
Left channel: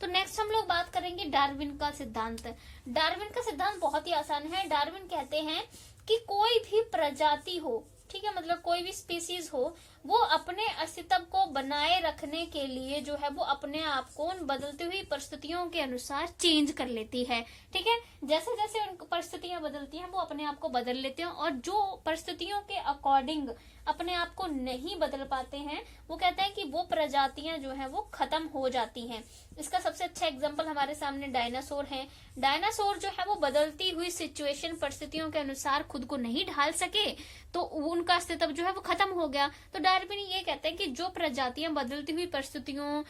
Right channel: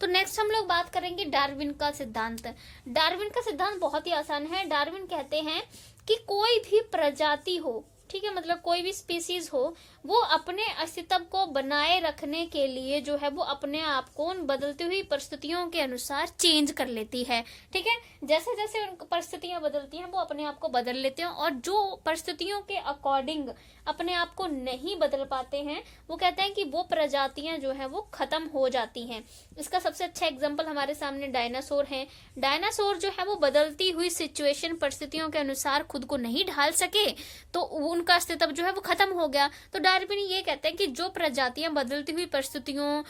तो नेक्स्ट हम लोग बात करेंगे डार्विन का सिद्धांत। डार्विन का सिद्धांत बहुत ही आसान है। डार्विन कहते हैं कि कोई भी प्रजाति हो, ठीक है, मतलब कोई भी स्पीसीज हो, वो अपने अस्तित्व को बनाए रखने के लिए जो है वो अपने आप को उन बदलती हुई परिस्थितियों के अनुसार चेंज कर लेती है, ठीक है। जैसे जैसे उन परिस्थितियां बदलती हैं वो अपने आप को बदल लेते हैं, और जो परिस्थितियों के अकॉर्डिंग अपने आप को नहीं बदल पाते हैं वो कहते हैं कि वो प्रजातियां जो है वो खत्म हो जाती हैं। इसका सबसे अच्छा एग्जाम्पल हमारे सामने डायनासोर है। डायनासोर जो है वो बदलती हुई सिचुएशन, परिस्थितियों के अनुसार खुद को नहीं ढाल सके तो उनका अस्तित्व जो है वो खत्म हो गया। तो डार्विन ये कहते हैं कि जो प्रजातियां बदलती हुई परिस्थितियों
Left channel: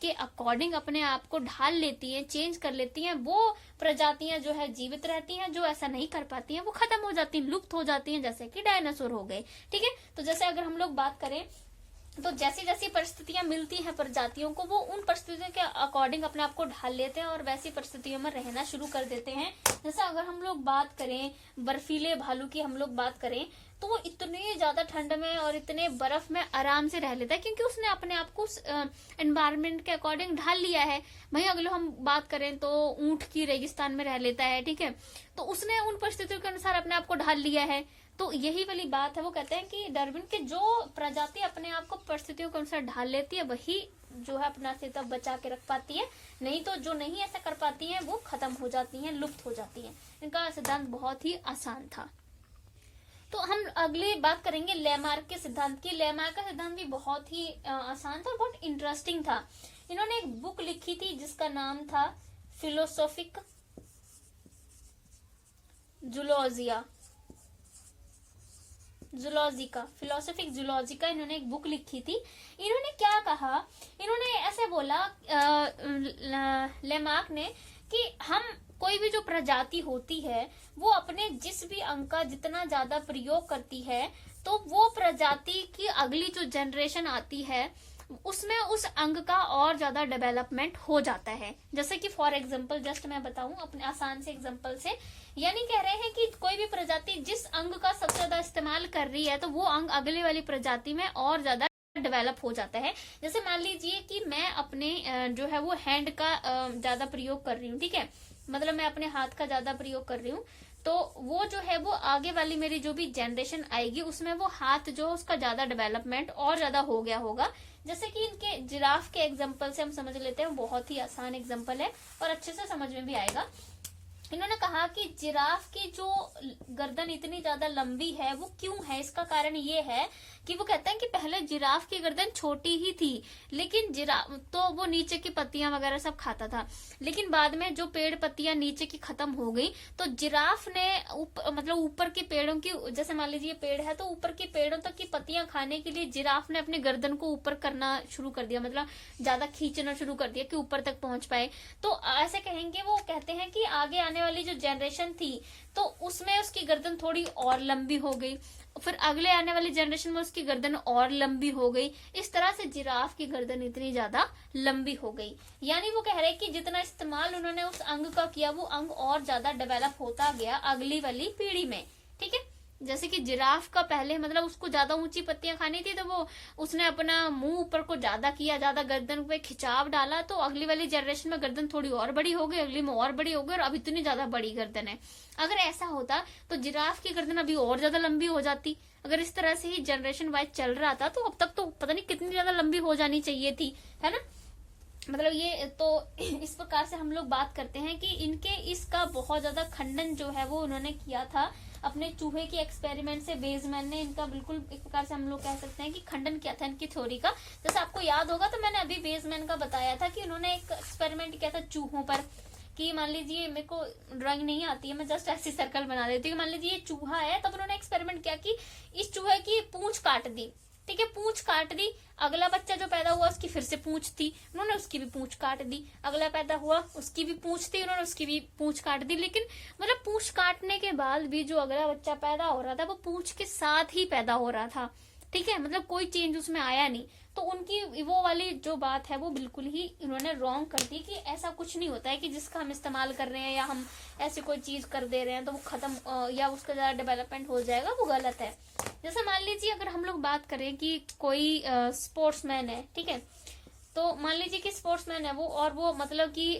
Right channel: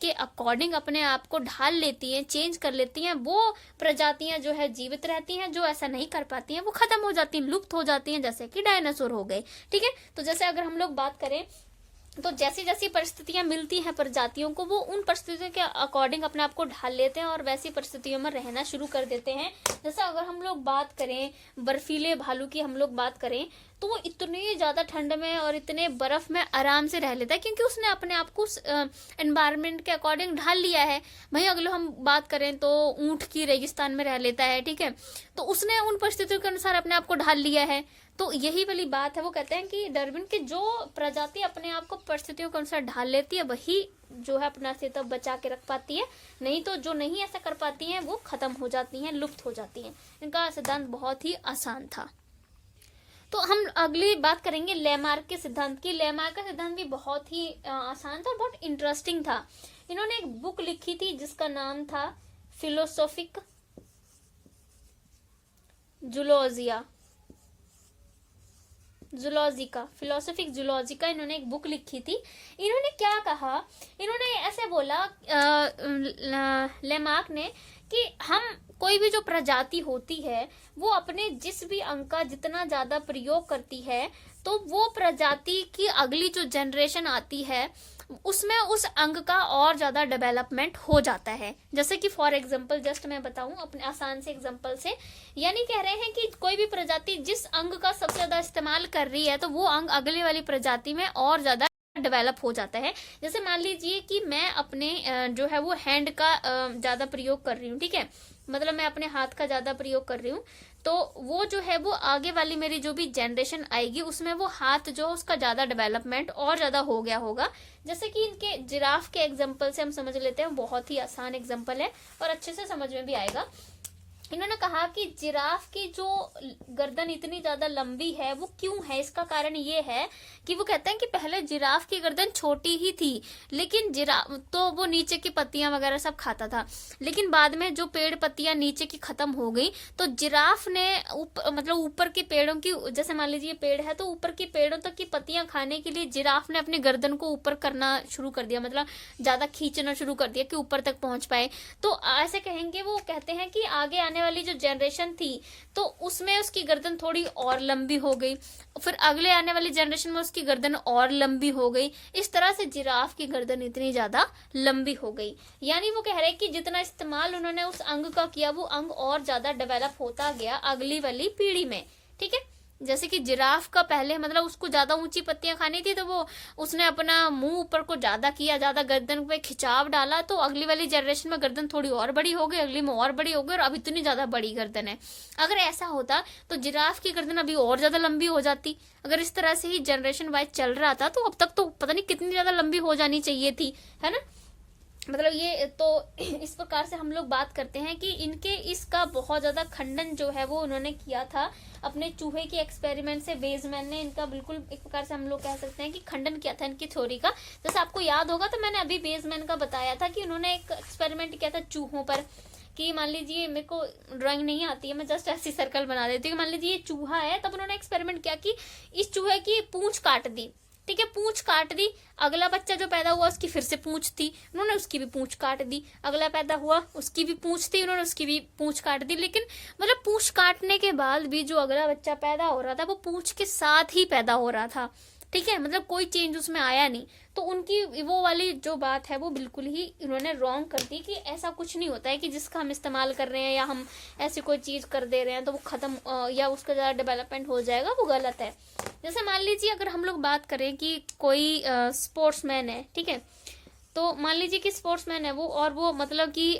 के अकॉर्डिंग अपने आप को ढाल लेती हैं, चेंज कर लेती हैं, वो प्रजातियां जो है जीवित रहती हैं। जो ऐसा नहीं कर पाती हैं वो खत्म हो जाती हैं, लुप्त हो जाती हैं, जैसे कि डायनासोर हो गए, ठीक है। तो जैसे अगर हम लोग बात करें तो जैसी जैसी परिस्थितियां मिलती हैं प्रजातियों को, वो उन परिस्थितियों के अकॉर्डिंग अपने आप को ढाल लेते हैं और वैसी परिस्थितियों में रहना शुरू कर देते हैं। जैसे अगर हम लोग बात करें बर्फीले भालू की, हम लोग बात करें तो वो इतनी ज्यादा ठंड में और इतने बर्फ में आराम से रह लेता है क्योंकि उसने अपने आप को एनवायरमेंट के अकॉर्डिंग ढाल लिया है। वहीं अगर हम बात करें तो ऊंट की रेगिस्तान में रह लेता है, ठीक है, तो उसने उन परिस्थितियों के अनुसार अपने आप को ढाल लिया है। तो यही वाली बात है, वो कहते हैं कि डार्विन की जो प्रजाति अपने आप को परिस्थितियों के अनुसार ढाल लेती है वही जो है अपना अस्तित्व बचा के रख पाती है, नहीं तो जो नहीं ऐसा कर पाती हैं वो खत्म हो जाती हैं, लुप्त हो जाती हैं। इनका सिद्धांत बहुत ही आसान था। तो हम अगली बात करेंगे लेमार्क के सिद्धांत की। लेमार्क का सिद्धांत भी बहुत ही आसान था और बहुत इंटरेस्टिंग था। इन्होंने एक बुक लिखी थी जिसका नाम था फिलोसोफिक फिलोसोफिक जूलॉजिका इन्होंने एक बुक लिखी थी। इन्होंने क्या कहा, इन्होंने ऐसे बोला लेमार्क ने कि हम कोई भी जो प्रजाति होती है वो अपने जिस भी अंग का जितना ज्यादा प्रयोग करती है तो वो प्रजाति की अगली जो जनरेशन आती है उसमें उस अंग का और ज्यादा डेवलपमेंट हो जाता है। जैसे कि फॉर एग्जांपल जस्ट मैं बताऊं अपने आसान से एग्जांपल से, यानी कह रहे हैं कि कोई भी प्रजाति जिस अंग का सबसे ज्यादा इस्तेमाल कर रही है तो वो अंग अगली वाली प्रजाति में और ज्यादा डेवलप हो जाता है। जैसे मान लीजिए कि मैं अपने जो है वो हैंड का ज्यादा प्रयोग कर रही हूँ, ठीक है, मतलब मैं अपने हाथ का ज्यादा प्रयोग कर रही हूँ, तो वो जो है वो आगे वाली मेरी जो भी जनरेशन आएगी उसमें वो हाथ जो उसका ज्यादा डेवलपमेंट और ज्यादा हो गया होगा। जैसे कि इनके जिराफ के एग्जांपल से हम समझ लेते हैं, बहुत ही आसान एग्जांपल है और अच्छे से समझ में भी आएगा। इन्होंने कहा कि जिराफ की जो गर्दन इतनी ज्यादा लंबी है वो क्यों है, इसका कारण ये है कि वो कहते हैं कि पहले जिराफ की गर्दन छोटी ही थी, लेकिन जिराफ तो वो नीचे की पत्तियां वगैरह सब खाता था, लेकिन बाद में जो पेड़ पत्तियां नीचे की खत्म हो गई तो जिराफ ने मतलब ऊपर के पेड़ों की, जैसे मान लीजिए पेड़ है तो ऊपर के पेड़ों तक की पत्तियां खाने के लिए जिराफ ने अपनी गर्दन को ऊपर करना शुरू कर दिया, मतलब ज्यादा खींचना शुरू कर दिया कि ऊपर तक पहुंच पाए। तो ऐसे कहेंगे, वो कहते हैं कि आगे आने वाली जो जनरेशन थी तो उसमें उसकी गर्दन थोड़ी और लंबी हो गई, फिर अगले आने वाली जनरेशन में उसकी गर्दन और लंबी हो गई, इस तरह से जिराफ की गर्दन इतनी ज्यादा लंबी हो गई। यानी वो कह रहे हैं कि जितना इस्तेमाल उन्होंने उस अंग का किया वो अंग और ज्यादा डेवलप होता गया अगली वाली पीढ़ी में, ठीक है। जैसे कि जिराफ का पहले मतलब उसको ज्यादा ऊंची पत्तियां खानी थी, तो वो उसने अपना मुंह ऊपर को ज्यादा किया, ज्यादा गर्दन पे खिंचाव डाला, तो अगली वाली जनरेशन में गर्दन थोड़ी और बड़ी हो गई, अगली में और बड़ी हो गई, और अब इतनी ज्यादा बड़ी गर्दन है। अगर ऐसा होता तो जिराफ की गर्दन अभी और ज्यादा लंबी हो जाती। अगर इस तरह से ही जनरेशन वाइज चल रहा था तो अब तक तो पता नहीं कितनी ज्यादा लंबी हो जानी चाहिए थी, है ना। मतलब ये तो इस प्रकार से हम लोग बात करते हैं कि इनके इसका बहुत ज्यादा खंडन जो है वो उन्होंने किया था अपने चूहे के एक्सपेरिमेंट से। वेजमैन ने इनका बिल्कुल एक प्रकार से हम लोग कह सकते हैं कि खंडन किया था इनकी थ्योरी का। जैसे आपको याद होगा तो मैंने अभी वेजमैन का बताया था कि उन्होंने एक एक्सपेरिमेंट किया था चूहों पर, कि मान लीजिए मेरे को ड्राइंग नहीं आती है, मैं जस्ट ऐसी सर्कल बना देती हूँ। मान लीजिए ये चूहा है, तब उन्होंने एक्सपेरिमेंट किया कि इस चूहे की पूंछ काट दी, ठीक है, पूंछ काट दी। अगला बच्चा जो पैदा हुआ उसकी फिर से पूंछ थी, उन्होंने उसकी भी पूंछ काट दी। अगला पैदा हुआ उसकी भी पूंछ थी, उन्होंने उसकी भी पूंछ काट दी। लेकिन मतलब पूंछ काटने के बाद भी जो अगला बच्चा पैदा हो रहा था वो पूंछ के साथ ही पैदा हो रहा था, ठीक है, मतलब कोई चेंज उसमें आया नहीं। तो उनकी वो वाली जो बात है वो बिल्कुल ही उन्होंने रॉन्ग कर दी कि ऐसा कुछ नहीं होता है कि जिसका हम इस्तेमाल कर रहे हैं या हम ऐसी कोई चीज कर दे रहे हैं तो वो खत्म या उसका ज्यादा डेवलपमेंट हो जाएगा, वो गलत है। जैसे मान लीजिए अगर हम लोग बात करें कि कोई स्पोर्ट्समैन है, ठीक है, तो मान लीजिए कि स्पोर्ट्समैन है वो, और वो मतलब कि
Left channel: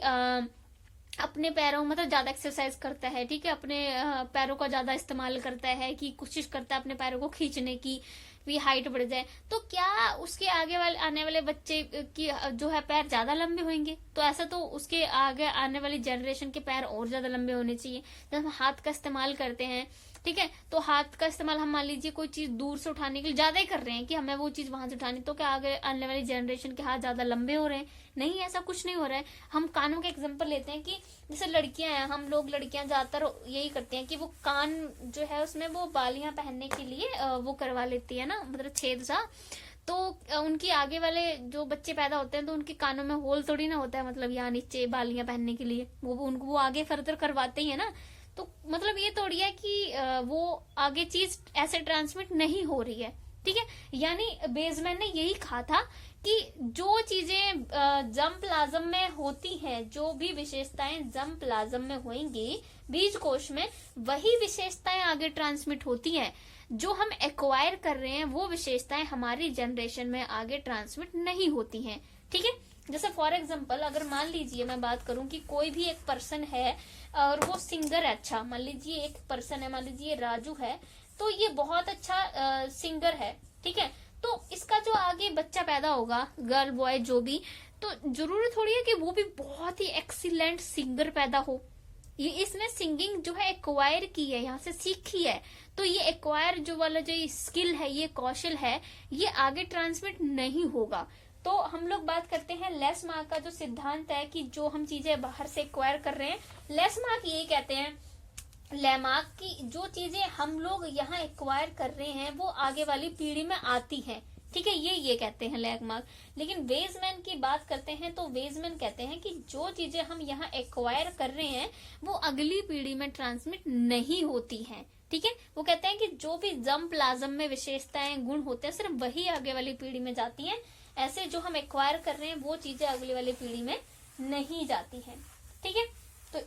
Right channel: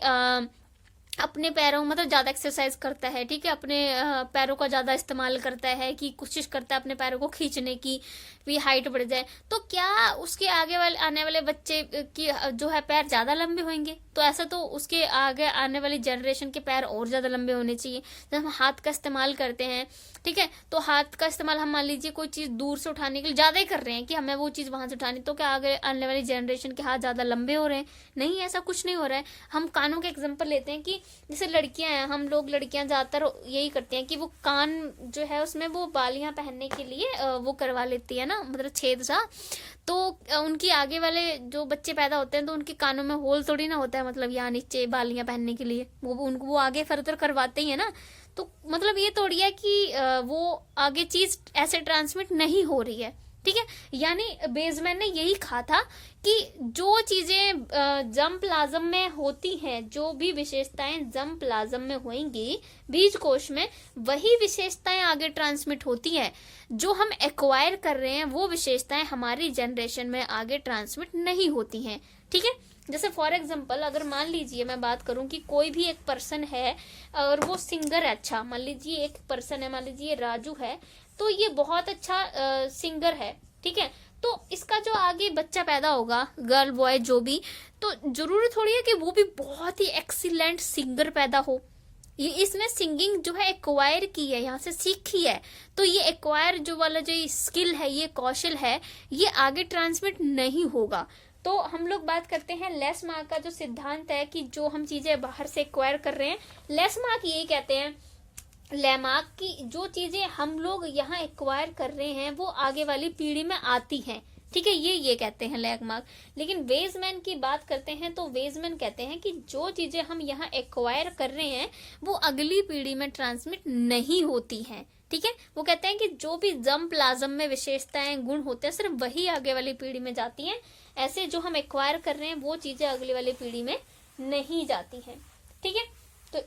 अपने पैरों मतलब ज्यादा एक्सरसाइज करता है, ठीक है, अपने पैरों का ज्यादा इस्तेमाल करता है, कि कोशिश करता है अपने पैरों को खींचने की भी हाइट बढ़ जाए, तो क्या उसके आगे वाले आने वाले बच्चे की जो है पैर ज्यादा लंबे होंगे? तो ऐसा तो उसके आगे आने वाली जनरेशन के पैर और ज्यादा लंबे होने चाहिए। जब हम हाथ का इस्तेमाल करते हैं, ठीक है, तो हाथ का इस्तेमाल हम मान लीजिए कोई चीज दूर से उठाने के लिए ज्यादा ही कर रहे हैं कि हमें वो चीज वहां से उठानी, तो क्या आगे आने वाली जनरेशन के हाथ ज्यादा लंबे हो रहे हैं? नहीं, ऐसा कुछ नहीं हो रहा है। हम कानों के एग्जाम्पल लेते हैं कि जैसे लड़कियां हैं, हम लोग लड़कियां ज्यादातर यही करती हैं कि वो कान जो है उसमें वो बालियां पहनने के लिए वो करवा लेती है ना, मतलब छेद सा। तो उनकी आगे वाले जो बच्चे पैदा होते हैं तो उनके कानों में होल थोड़ी ना होता है, मतलब यहाँ नीचे बालियां पहनने के लिए वो उनको वो आगे फर्दर करवाते ही है ना। तो मतलब ये थोड़ी है कि वो आगे चीज ऐसे ट्रांसमिट नहीं हो रही है, ठीक है। यानी बेजमैन ने यही कहा था कि जो चीजें जर्म प्लाज्म में होती हैं, जो भी विशेषताएं जर्म प्लाज्म में होंगी बीज कोश में, वही विशेषताएं आगे ट्रांसमिट होती हैं। जो हम एक्वायर कर रहे हैं वो विशेषताएं हमारी जनरेशन में आगे ट्रांसमिट नहीं होती हैं, ठीक है। जैसे फॉर एग्जाम्पल अगर मान लीजिए मैं बात करूं कि कोई भी एक पर्सन है और वो सिंगर है, अच्छा मान लीजिए एक पर्सन है, मान लीजिए राजू है, तो ये बहुत अच्छा सिंगर है, ठीक है, तो इसका जो आगे बच्चा पैदा होगा, गर्ल बॉय जो भी, तो जरूरी थोड़ी है कि वो भी बहुत ही एक्सीलेंट सिंगर पैदा हो। ये इसने सिंगिंग जो है एक्वायर की है, यहाँ से सीखी है, तो ये एक्वायर जो वाला जो स्किल है, ये कौशल है, ये आगे ट्रांसमिट नहीं होगा। तो हम लोग बात करते हैं लेस मार्क का जो सिद्धांत है कि जो हम चीजें बाहर से एक्वायर कर रहे हैं, लेस मार्क यही कहते हैं, लेमार्क की जो चीजें हम लोग यहाँ एक्वायर कर रहे हैं वो आगे वाली पीढ़ी में आती हैं, ठीक है, ये कहते हैं लैगमार्क। लेकिन वेजमैन की बात करते हैं तो वेजमैन कहते हैं कि जो चीजें हम यहाँ एक्वायर कर रहे हैं वो अगली पीढ़ी में ट्रांसमिट नहीं होती हैं, ठीक है। वो कहते हैं कि जो भी जर्म प्लाज्म में विशेषताएं गुण होते हैं सिर्फ वही आगे वाली पीढ़ी में जाती हैं, ऐसे जो हम एक्वायर कर रहे हैं वो चीजें अगली वाली पीढ़ी में नहीं जाती हैं, ठीक है। तो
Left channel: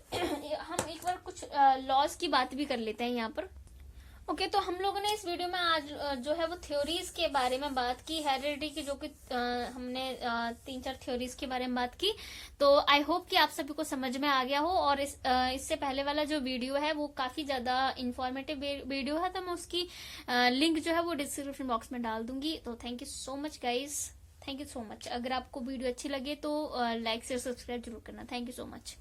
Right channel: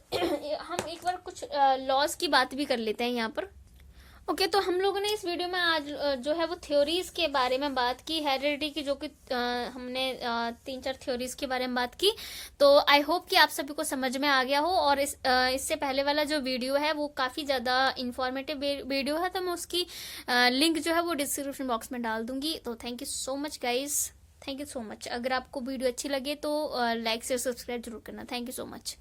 हम एक बार कुछ लॉज की बात भी कर लेते हैं यहाँ पर। ओके, तो हम लोगों ने इस वीडियो में आज जो है वो थ्योरीज के बारे में बात की, हेरिडिटी की, जो कि हमने 3-4 थ्योरीज के बारे में बात की। तो आई होप कि आप सभी को समझ में आ गया हो। और इससे पहले वाला जो वीडियो है वो काफी ज्यादा इंफॉर्मेटिव वीडियो है, तो मैं उसकी लिंक जो है वो डिस्क्रिप्शन बॉक्स में डाल दूंगी। तो thank you so much guys, thank you so much. अगर आपको वीडियो अच्छी लगे तो लाइक शेयर सब्सक्राइब जरूर करना। Thank you so much.